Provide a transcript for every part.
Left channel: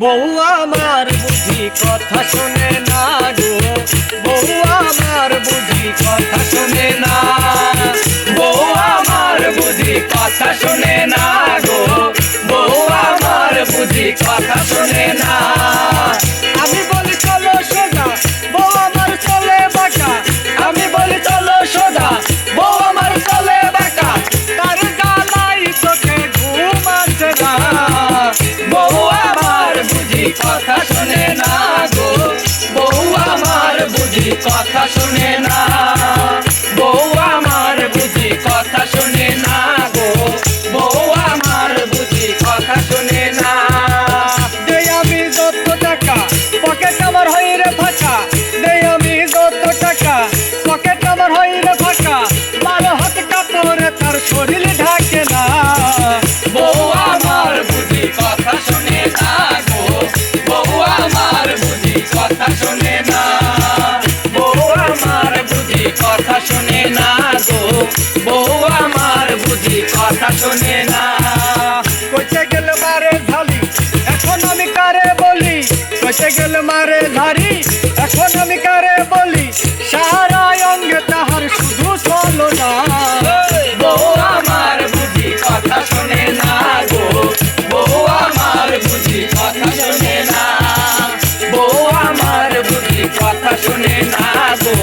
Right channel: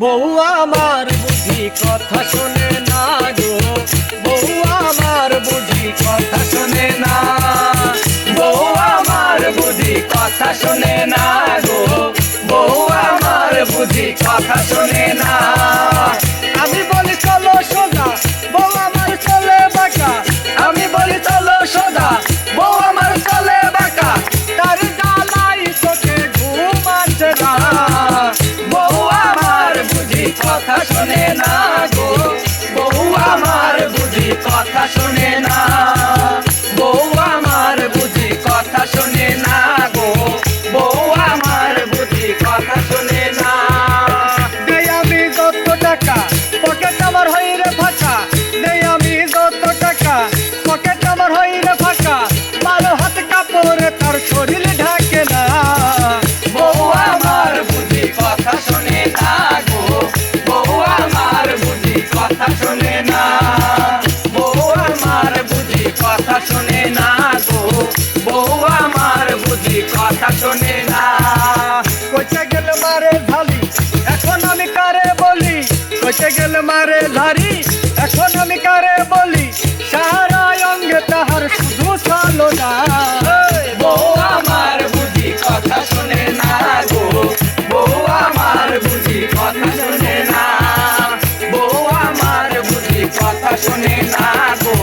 বউ আমার বুঝি কথা শোনে না গো, বউ আমার বুঝি কথা শোনে না, বউ আমার বুঝি কথা শোনে না গো, বউ আমার বুঝি কথা শোনে না। আমি বলি চলো সোজা, বউ আমার চলে বাঁকা, আমি বলি চলো সোজা, বউ আমার চলে বাঁকা, তার জ্বালাই চোখে ঘুম আসে না। বউ আমার বুঝি কথা শোনে না গো, বউ আমার বুঝি কথা শোনে না, বউ আমার বুঝি কথা শোনে না গো, বউ আমার বুঝি কথা শোনে না। দেই আমি যত টাকা পকেট আমার হই রে ফাঁকা, দেই আমি যত টাকা পকেট আমার হই রে ফাঁকা, 12 হাত কাপড় তার শরীর ঢাকে না। বউ আমার বুঝি কথা শোনে না গো, বউ আমার বুঝি কথা শোনে না, বউ আমার বুঝি কথা শোনে না গো, বউ আমার বুঝি কথা শোনে না। কইতে গেল মারে ঝালি এখন আমি কারে বলি, কইতে গেল মারে ঝাড়ি এখন আমি কারে বলি, সারা অঙ্গে তাহার শুধু চলো না। বউ আমার বুঝি কথা শোনে না গো, বউ আমার বুঝি কথা শোনে না, বউ আমার বুঝি কথা শোনে না গো,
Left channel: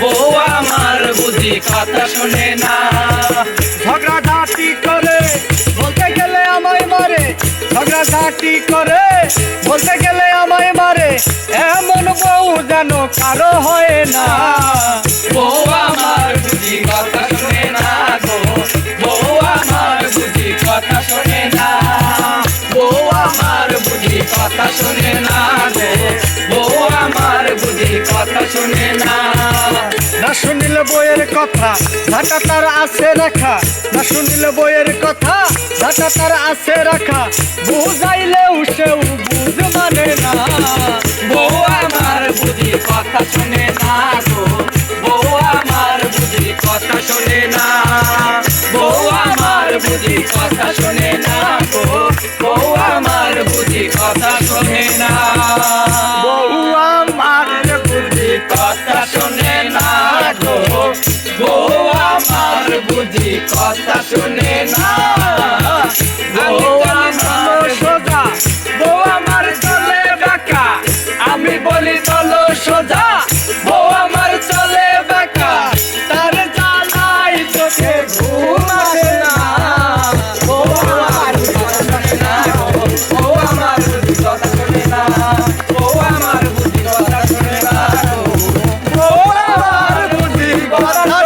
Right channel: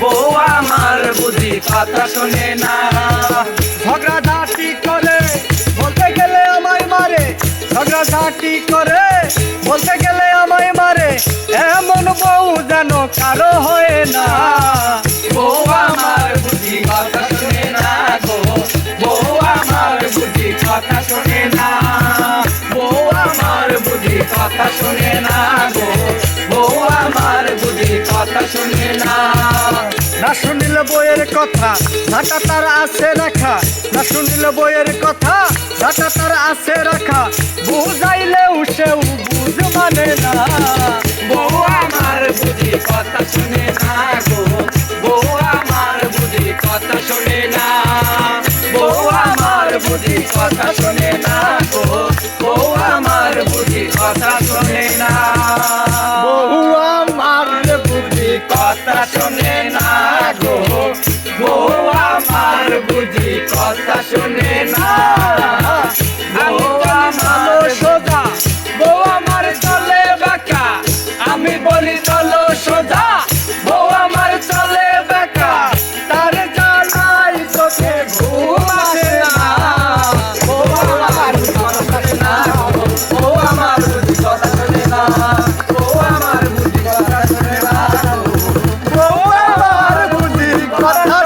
বউ আমার বুঝি কথা শোনে না। ঝগড়াঝাটি করে বলতে গেলে আমায় মারে, ঝগড়াঝাটি করে বলতে গেলে আমায় মারে, এমন বউ যেন কারো হয় না। বউ আমার বুঝি কথা শোনে না গো, বউ আমার বুঝি কথা শোনে না, বউ আমার বুঝি কথা শোনে না গো, বউ আমার বুঝি কথা শোনে না। না শুনিল বইয়ের কথা ঝাঁটা তার আছে রাখা, না শুনিল বইয়ের কথা ঝাঁটা তার আছে রাখা, বুঝাইলেও সেও বুঝ মানে না। বউ আমার বুঝি কথা শোনে না গো, বউ আমার বুঝি কথা শোনে না, বউ আমার বুঝি কথা শোনে না গো, বউ আমার বুঝি কথা শোনে না, বউ আমার বুঝি কথা শোনে না গো, বউ আমার বুঝি কথা শোনে না। বউ আমার সোজা, বউ আমার চলে বাঁকা, আমি বলি চলো সোজা, বউ আমার চলে বাঁকা, তার জ্বালাই চোখে ঘুম আসে না। বউ আমার বুঝি কথা শোনে না, বউ আমার বুঝি কথা শোনে না, বউ আমার বুঝি কথা শোনে না, বউ আমার বুঝি কথা